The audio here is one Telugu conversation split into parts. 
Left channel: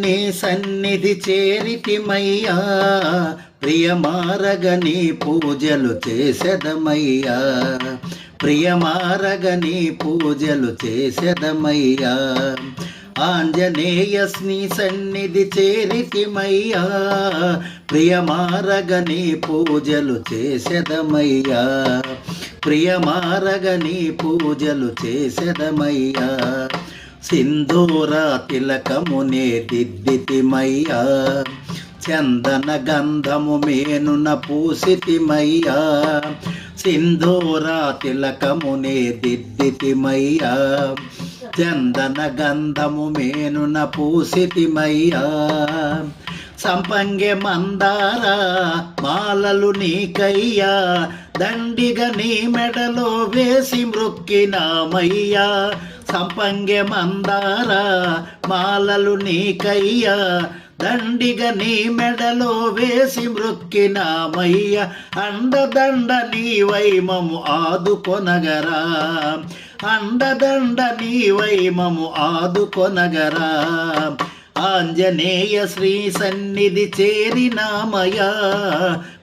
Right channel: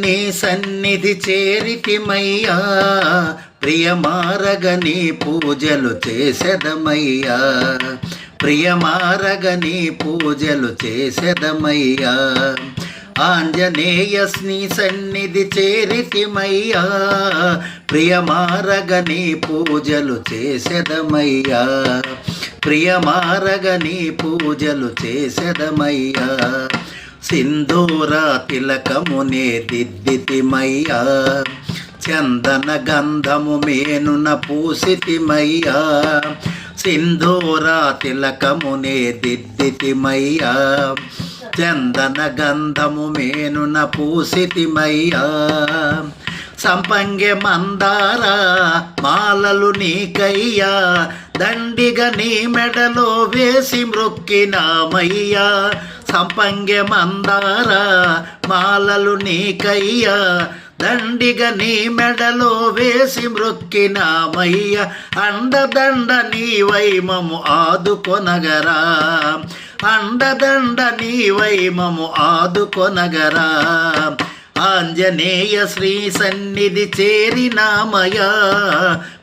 నీ సన్నిధి చేరితిమయ్యా, ప్రియమారగ నీ పూజలు చేసెదమయ్యా, ప్రియమారగ నీ పూజలు చేసెదమయ్యా. ఆంజనేయ నీ సన్నిధి చేరితిమయ్యా, ప్రియమారగ నీ పూజలు చేసెదమయ్యా, ప్రియమారగ నీ పూజలు చేసెదమయ్యా. సింధూర తిలకమునే దిద్దితిమయ్యా, చందన గంధము మేనున పూసితిమయ్యా, సింధూర తిలకమునే దిద్దితిమయ్యా, చందన గంధము మేనున పూసితిమయ్యా. సంపంగె మందార మాలలు నీకయ్యా, దండిగా నీ మెడలో వేసి మృక్కినామయ్యా. సంపంగె మందార మాలలు నీకయ్యా, దండిగా నీ మెడలో వేసి మృక్కినామయ్య. అండదండ నీవై మము ఆదుకొనగరా, అండదండ నీవై మము ఆదుకొనగరా. ఆంజనేయ శ్రీ సన్నిధి చేరినామయా,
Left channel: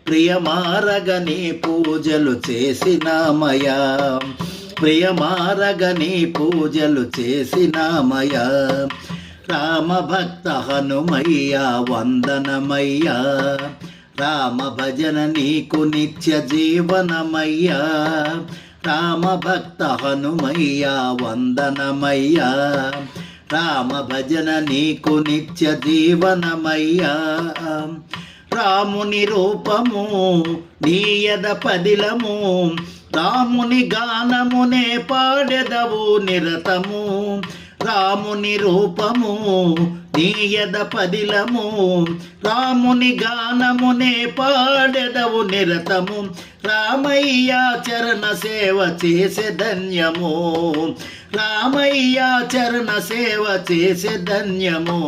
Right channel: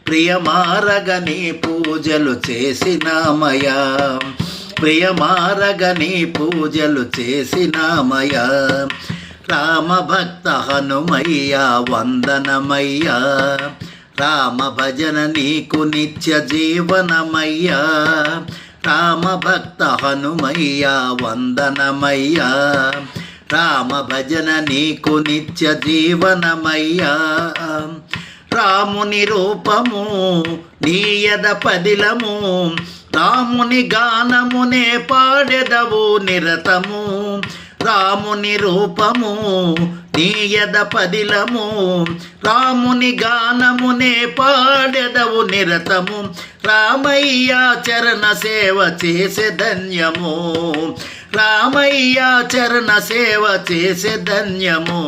ప్రియమారగ నీ పూజలు చేసినామయా, ప్రియమారగ నీ పూజలు చేసినామయా. రామభక్త హనుమయ్యా వందనమయ్యా, రామ భజన నీకు నిత్య జీవనమయ్యా. రామభక్త హనుమయ్యా వందనమయ్యా, రామ భజన నీకు నిత్య జీవనమయ్యా. రాముని రూపము నీయద పదిలము, రాముని గానమునే పాడెదవు నిరతము. రాముని రూపము నీయద పదిలము, రాముని గానమునే పాడెదవు నిరతము. రామయ్య చరణ సేవ చేసే ధన్యము, రామయ్య చరణ సేవ చేసే ధన్యము.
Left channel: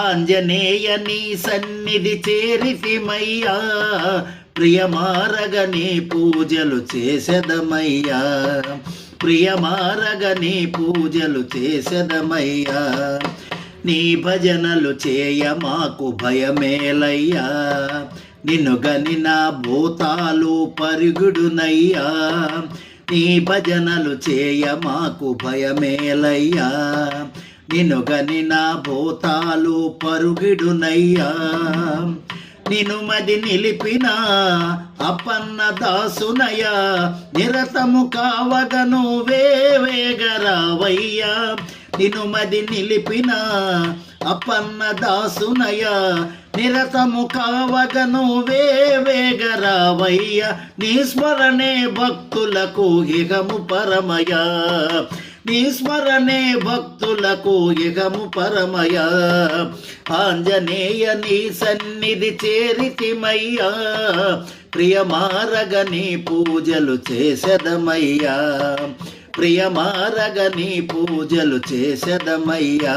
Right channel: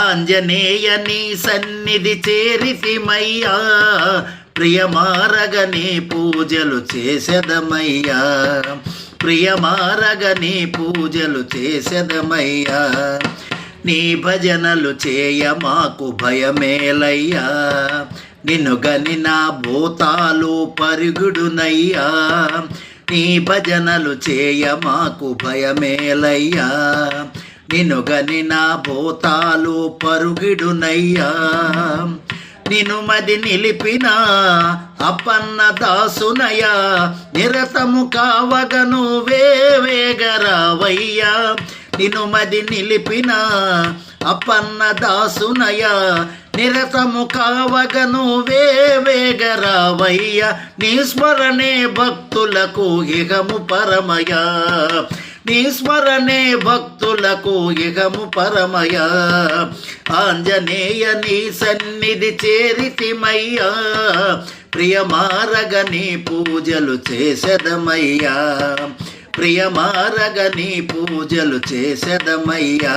ఆంజనేయ నీ సన్నిధి చేరితిమయ్యా, ప్రియమారగ నీ పూజలు చేసెదమయ్యా, ప్రియమారగ నీ పూజలు చేసెదమయ్యా. నీ భజనలు చేయ మాకు భయమేలయ్యా, నిన్ను గని నా భూతాలు పరుగుడునయ్యా. నీ భజనలు చేయ మాకు భయమేలయ్యా, నిన్ను గని నా భూతాలు పరుగుడునయ్యా. నిను మది నిలిపిన అప్పన్న దాసునయ్యా, నిరతము కావగను వేవేగరావయ్యా. నిను మది నిలిపిన అప్పన్న దాసునయ్యా, నిరతము కావగను వేవేగరావయ్యా. నీ స్మరణే భక్తులకు ఇహము పరమయా, నీ స్మరణే భక్తులకు ఇహము పరమయా. ఆంజనేయ నీ సన్నిధి చేరితిమయ్యా, ప్రియమారగ నీ పూజలు చేసెదమయ్యా, ప్రియమారగ నీ పూజలు చేసెదమయ్యా.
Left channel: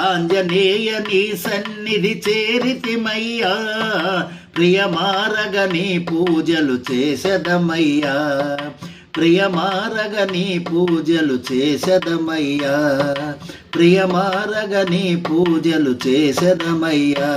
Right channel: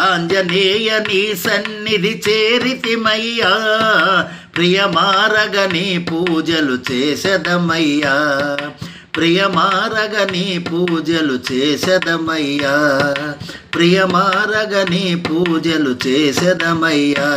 ఆంజనేయ నీ సన్నిధి చేరితిమయ్యా, ప్రియమారగ నీ పూజలు చేసెదమయ్యా, ప్రియమారగ నీ పూజలు చేసెదమయ్యా, ప్రియమారగ నీ పూజలు చేసెదమయ్యా.